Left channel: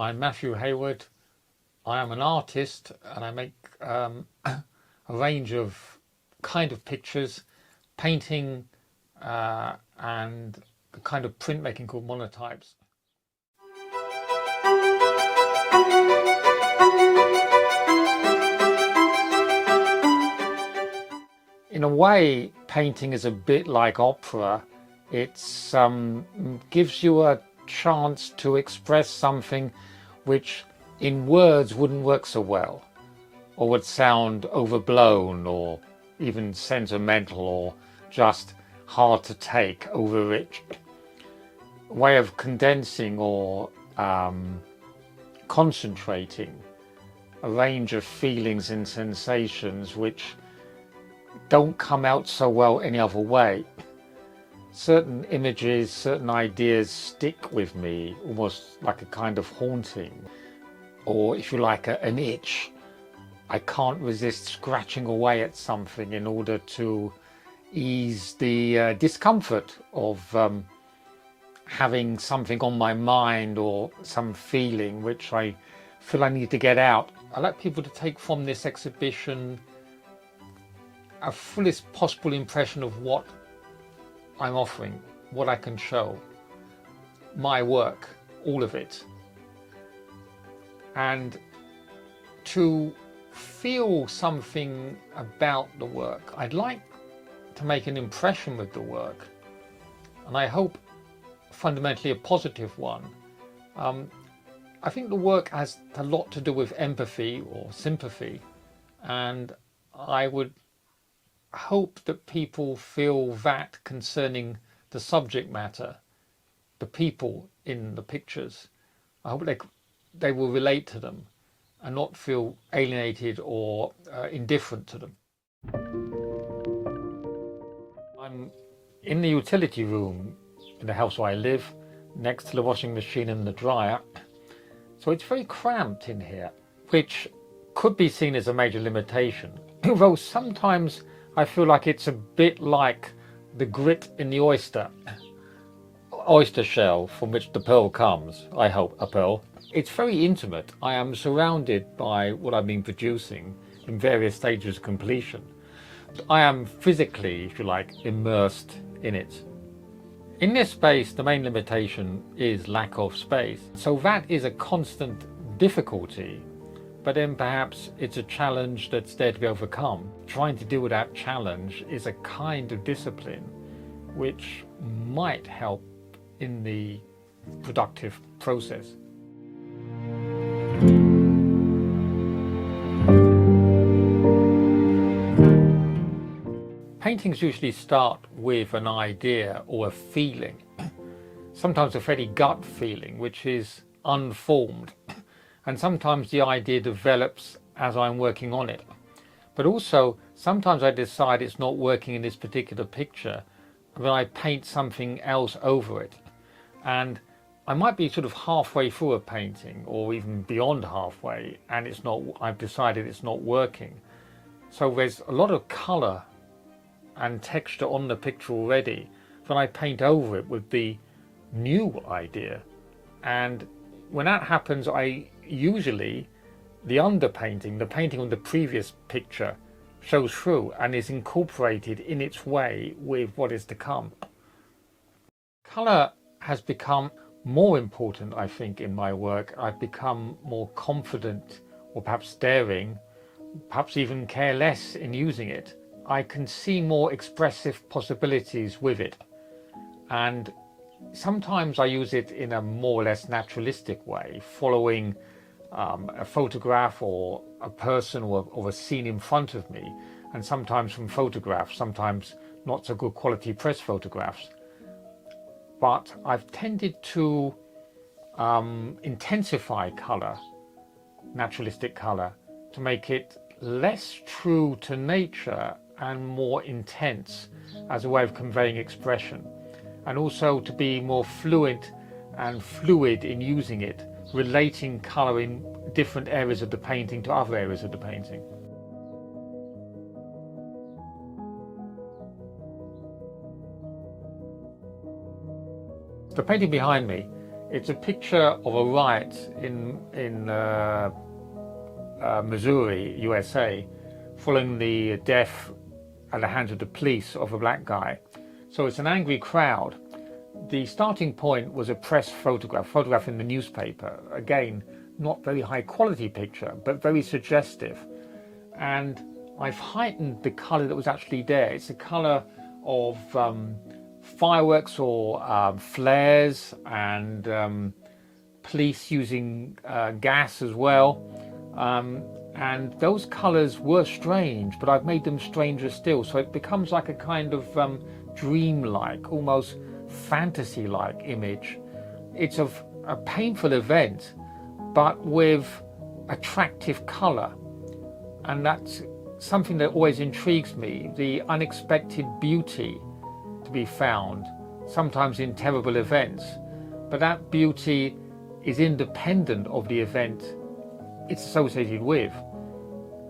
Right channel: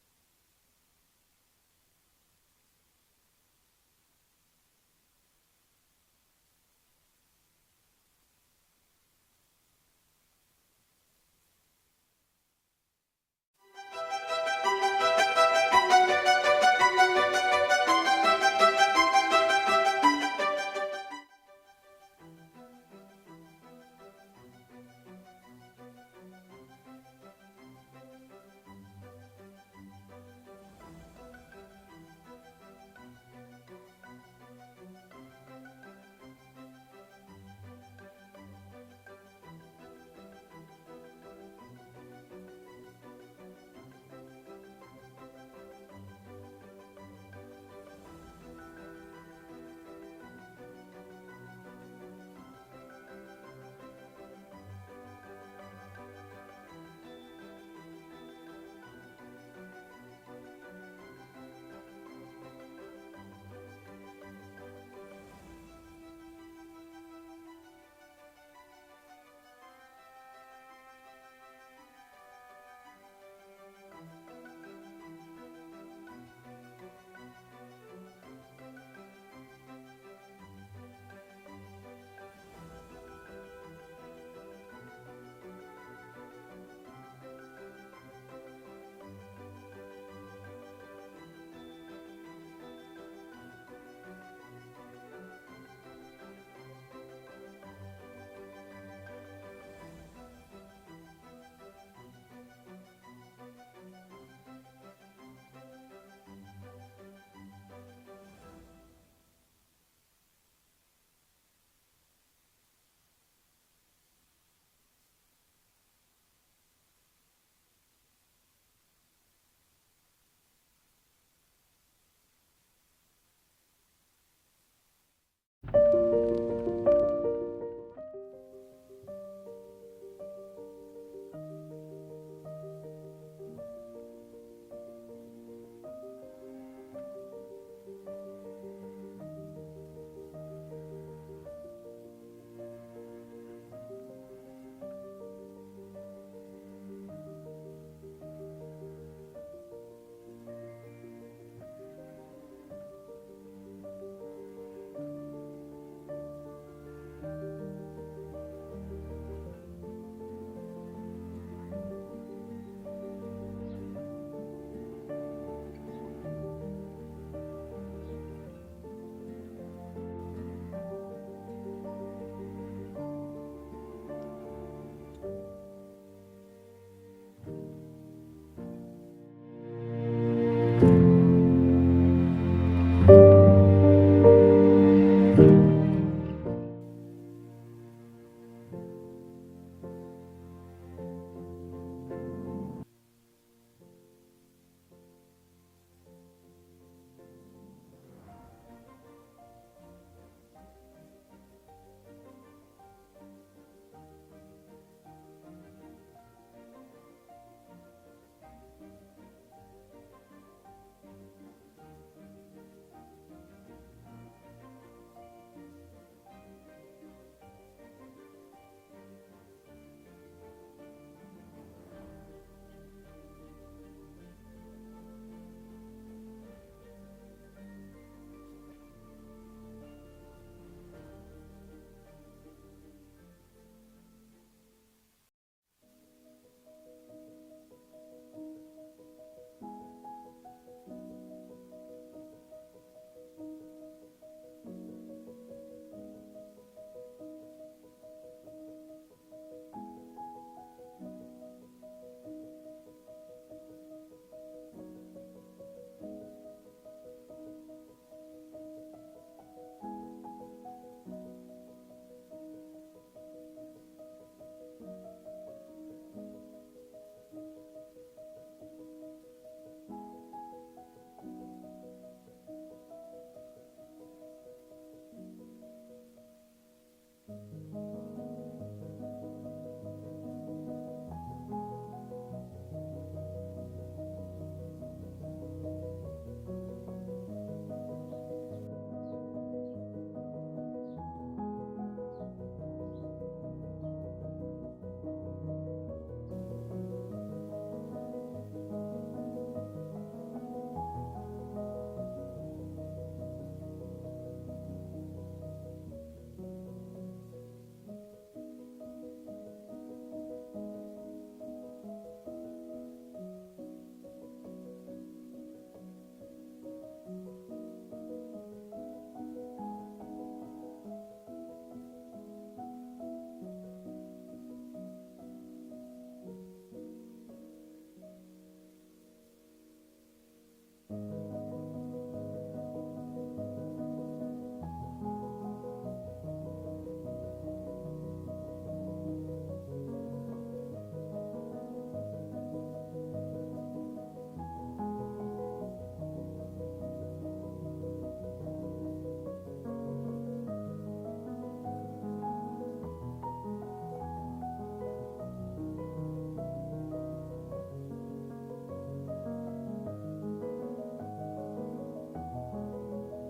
I'm Matthew Hayward. I am an artist and I make a range of kind of pictures, painting and a kind of printmaking called monotypes. In a way, painting is a bit like opera. It gives you a chance to express something which in words wouldn't work so well, or would sound overblown or even sentimental or just hard to take, overrich. A way of condensing or concentrating a range of feelings and sensations which don't come out so well any other way. Certain images, certain ideas stick with me, almost like a kind of haunting, or if you like, an itch. I can't resist scratching away at something in order to ease the discomfort of having something on my mind or some feeling which I feel I need to get out. I like people to take from this exhibition a fullest possible impression of what I'm offering, what I can show, my work, all of it. And to feel something about the work. I'd like to make an impression with the work, and I hope fundamentally a positive one. I think the work has a lot to do with empathy or sympathy, and I would hope that people feel that concerning the subject matter, the people in the pictures. I hope they will relate to them and not feel alienated or indifferent to them. I'm in the utility room in the house where I live, next to the washing machine and the dryer. So it's very cramped in here, which could be seen as a major limitation, although sometimes I feel like it's a bit like the grit in the oyster shell from which the pearl comes, I hope, a pearl. It's very intimate. I am surrounded by what I've been producing in various stages of completion. I am physically, if you like, immersed in it. In this space, the main limitation is lack of space. So that is a constant difficulty, but then perhaps it's a challenge that's there to be overcome. Trying to deal with that challenge is a kind of discipline which might help in the productive process. Paintings usually start with an idea or a feeling, sometimes a fairly gut feeling, which is unformed. And sometimes the idea develops as I'm working on it. But also, sometimes I decide it's not working in this particular picture, and then I paint something else over it. And I might be sort of halfway through a painting, or even beyond halfway, and I've decided it's not working. So there's a lot of colour and texture on the picture already. Then I paint over it with the new idea. And when that happens, usually the underpainting, the painting on the previous picture, shows through and is incorporated in its way with what is to come. Colour has become more important, I think, in my work. I've become more confident, or perhaps daring, perhaps even careless in using it. I can see more expressive possibilities with it, and sometimes I use it in a more or less naturalistic way, following a photograph or a person or a scene in front of me, and sometimes from photographs, sometimes not so good quality press photographs. But I've tended to intensify colour, naturalistic colour, to make it less true to nature and more intense as a way of conveying expression, and also to be more fluid in using it, relating colour in different areas of the painting to other areas of the painting. The painting behind me It's a picture of a riot in Missouri, USA, following the death at the hands of the police of a black guy. So it's an angry crowd. The starting point was a press photograph in the newspaper. Again, not very high quality picture, but very suggestive. And I've heightened the colour that was actually there. It's a colour of fireworks or flares, and police using gas as well. And those colours were strange, but I've made them stranger still. So it becomes like a kind of dreamlike, almost fantasy-like image. It's of a painful event, but with attractive colour. And that's something that always intrigues me, the unexpected beauty to be found, sometimes in terrible events. But that beauty is independent of the event it's associated with.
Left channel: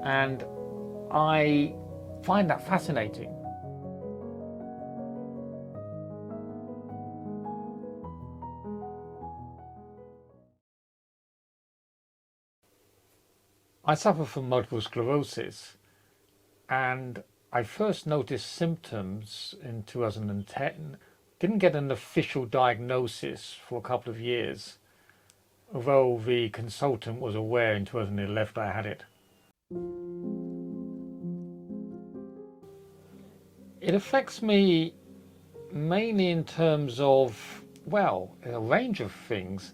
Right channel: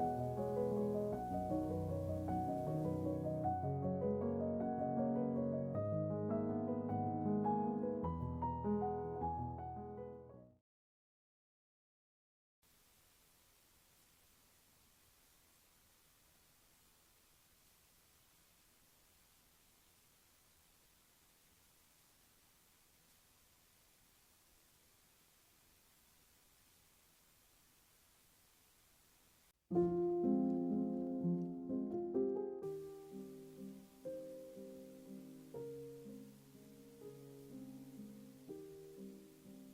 And I find that fascinating. I suffer from multiple sclerosis, and I first noticed symptoms in 2010. Didn't get an official diagnosis for a couple of years, although the consultant was aware in 2011 I had it. It affects me mainly in terms of, well, a range of things.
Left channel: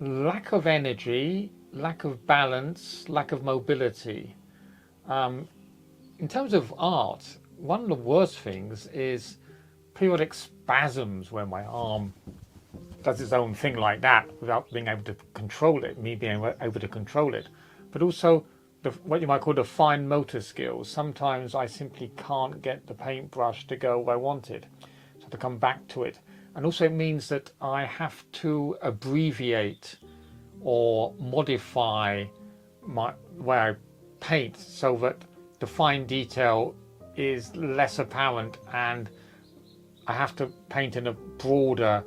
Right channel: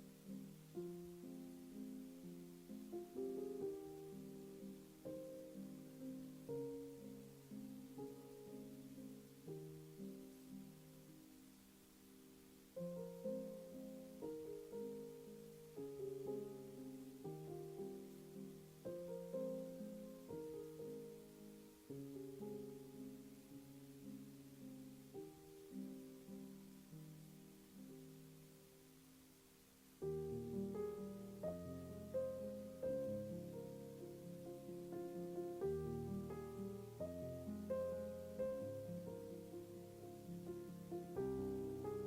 Lack of energy, lack of balance, lack of mobility. In terms of art, one of the worst things is periodic spasms where my arm does its own thing like that without being able to control it, me being able to control it. But also what you might call the fine motor skills. Sometimes I simply can't get the paintbrush to go where I want it, so I have to come back to it. And also it means that I have to abbreviate or modify my way I paint so that the fine detail is less apparent, and I have to paint in a broader,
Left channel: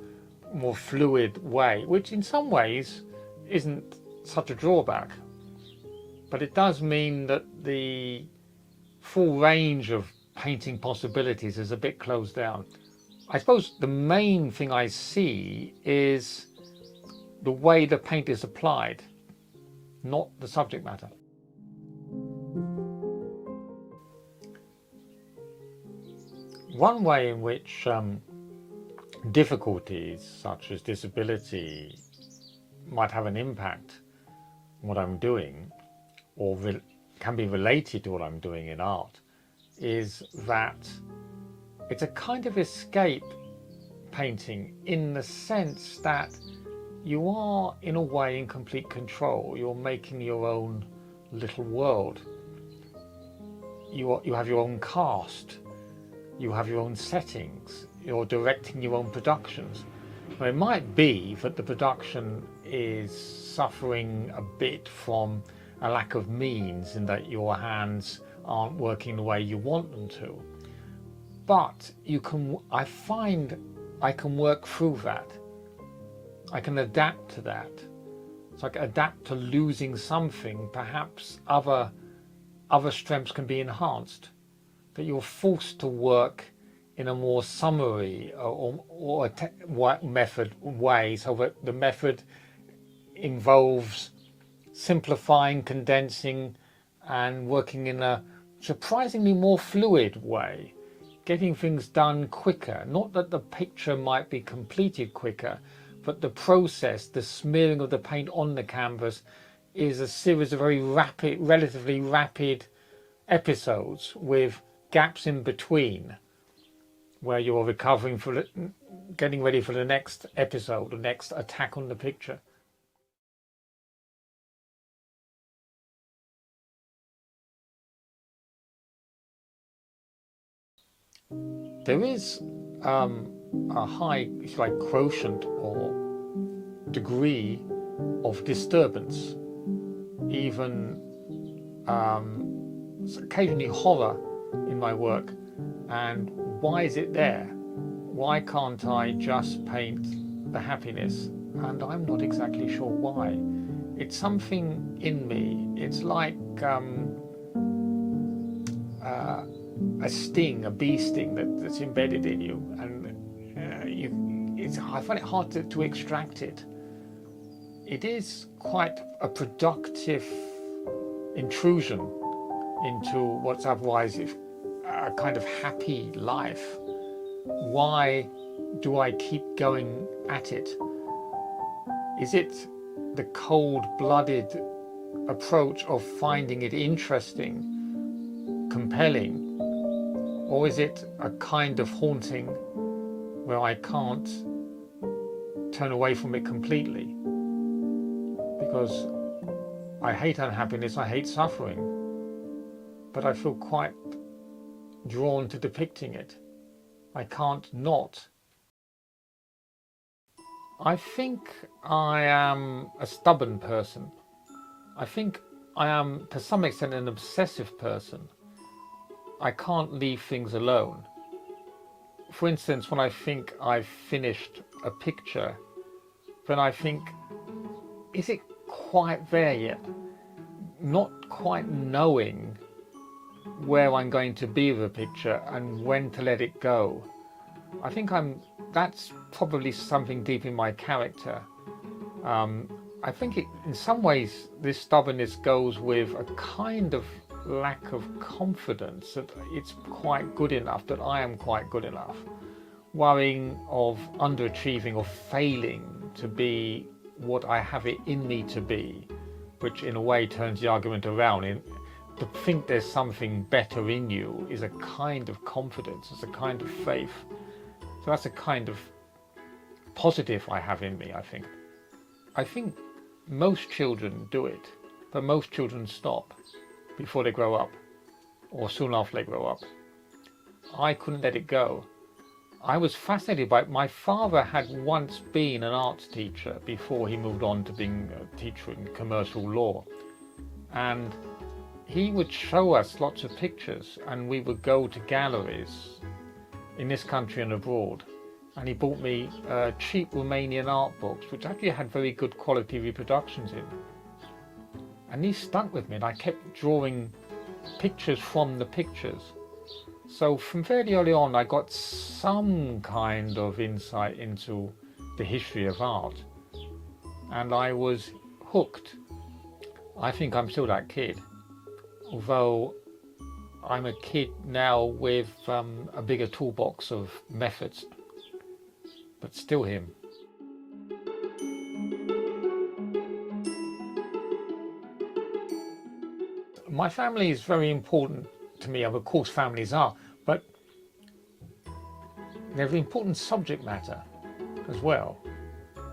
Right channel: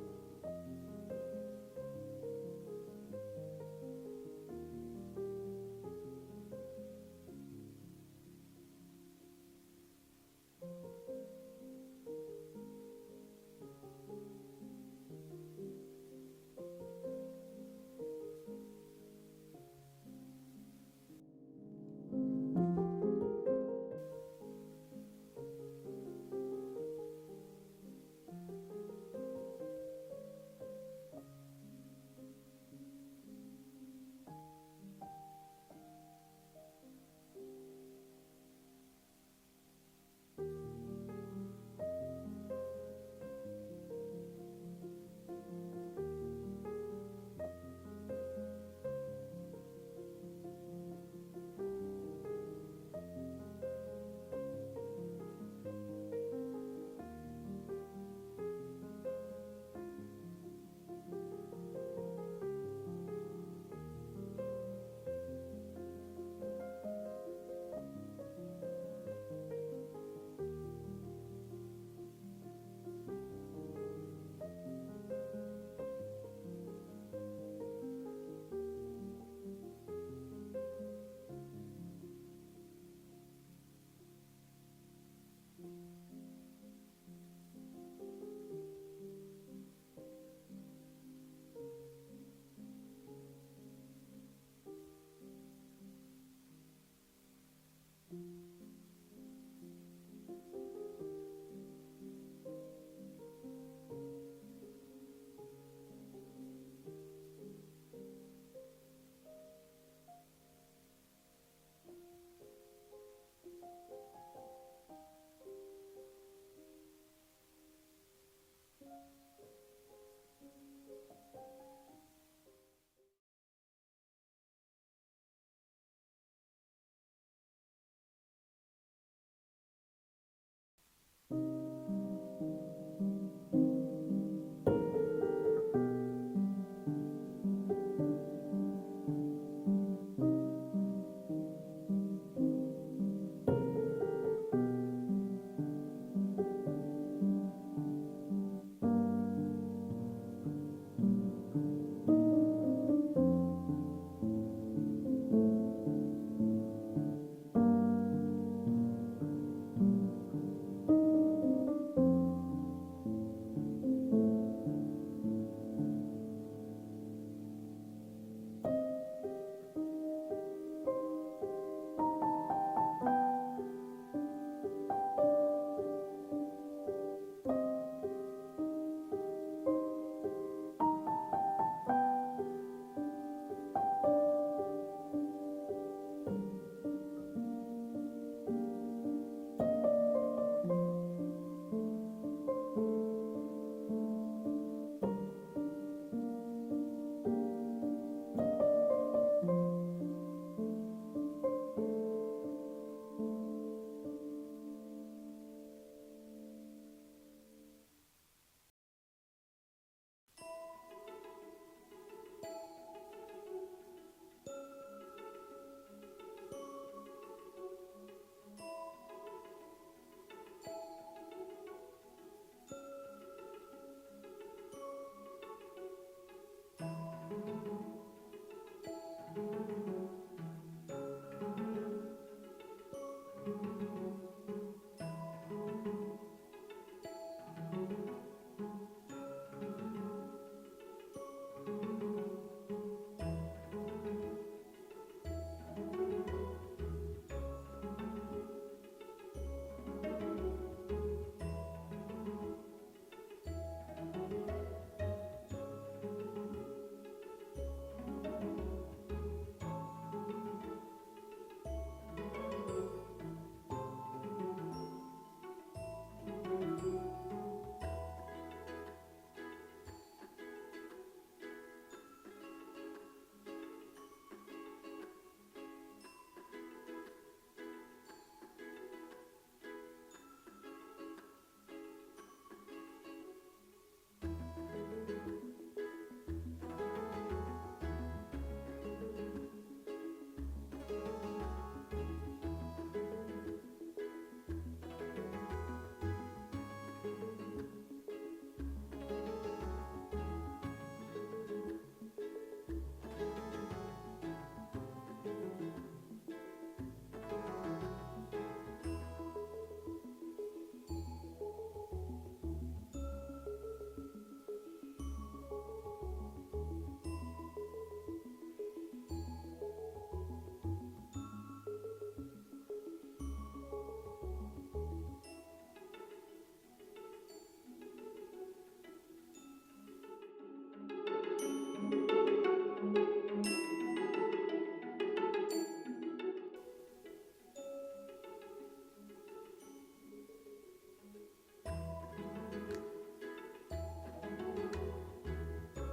more fluid way, which in some ways isn't such a drawback. But it does mean that the full range of painting possibilities is a bit closed down. I suppose the main thing I see is the way the paint is applied, not the subject matter. One way in which difficulties such as disability might have an impact on what I'm doing, or can be related to what I'm doing in art, is that it's a kind of escape painting, in the sense that you are in a way in complete control. You're making your own little world. You have your own cast, you have your own settings, you're directing your own productions. Now, it might be that the production is suffering a bit from a lack of means, in that your hands aren't working the way you want them to. But I find I can work through that. I can adapt to that. So I can adapt to losing something. Perhaps other strengths can be enhanced. That you're forced to work in a more summary or method way, so that the method involves simplifying, condensing, and working in a surprisingly more fluid way, getting things done quicker. Not that the picture might be completed quicker, but the process, the smearing of the paint on the canvas, is a series of very rapid, relatively rapid episodes with gaps in between, where you're recovering for getting ready for the next episode, the next attack on the picture. There is a high, if you like, quotient or degree of disturbance, even occasionally horror in my work. And why is it there? Why can't I just paint the happiness, and I'm not exactly sure why. It's something in me. It's like uh, a sting, a bee sting that's embedded in you, and I find it hard to extract it. It is quite a productive intrusion into what's otherwise a kind of happy life. Why do I keep going at it? Is it the cold-blooded approach of finding it interesting, compelling, or is it a kind of haunting where I can't turn away from it completely? Because I hate unhappiness, I hate suffering, but I feel quite drawn to depicting it. I can't not. I think I am a stubborn person. I think I am, to some extent, an obsessive person. I can't leave things alone. For instance, when I think I've finished a picture, then I think, is it quite there yet? Not quite knowing where I'm going to be with a picture and when to let it go. I think that's probably something deep in my character. I think in some ways this stubbornness goes with a kind of lack of confidence that it's quite good enough, that I am quite good enough. Worrying of underachieving or failing to be what I have it in me to be, which in a way turns the argument around. To think there's something better in you is a kind of confidence, it's a kind of faith. So that's a kind of positive I have in me, I think. I think most children do it, but most children stop before they grow up, or soon after they grow up. I couldn't let it go. I was fascinated by it. My father had once been an arts teacher before he moved on to being a teacher in commercial law. And he would show us lots of pictures, and we would go to galleries in this country and abroad. And he bought me cheap Romanian art books, which actually had very good quality reproductions in. And these stuck with me, and I kept drawing pictures from the pictures. So from fairly early on, I got some kind of insight into the history of art, and I was hooked. I think I'm still that kid, although I'm a kid now with a bigger toolbox of methods, but still him. My family is very important to me. Of course, families are, but they're an important subject matter as well.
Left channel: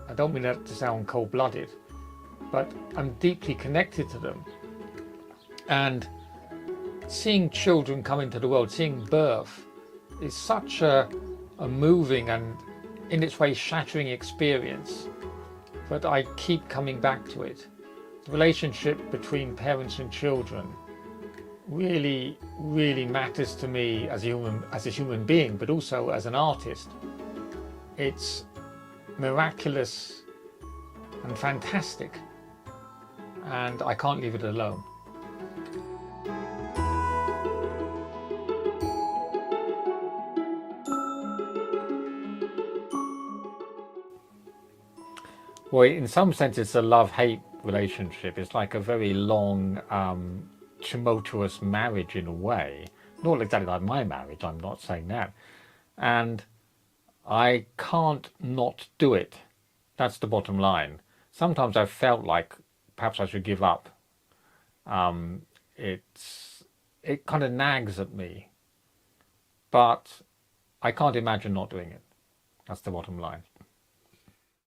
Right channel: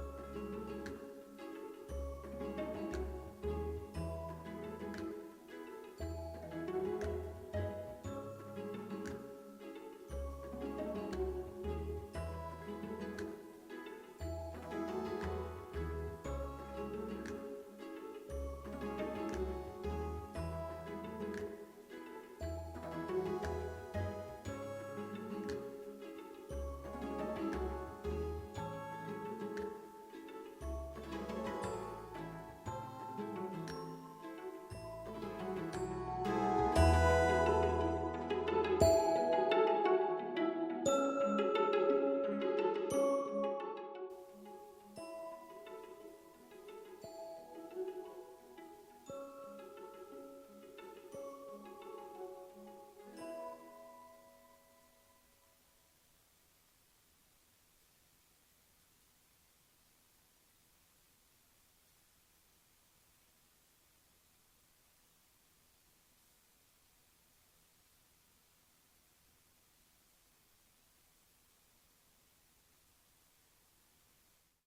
I don't mean that to sound cold-blooded, but I'm deeply connected to them. And seeing children come into the world, seeing birth, is such a moving and in its way shattering experience, but I keep coming back to it. The relationship between parents and children really, really matters to me as a human being, but also as an artist. It's miraculous and fantastic, and I can't leave it alone. Well, in some sense, it's a love-hate relationship. It's like a very long, tumultuous marriage in a way. Not exactly like my marriage, I'm not saying that. And I can't not do it. That's the bottom line. Sometimes I've felt like perhaps I should give up. It kind of nags at me. But I can't imagine not doing it. That's the bottom line.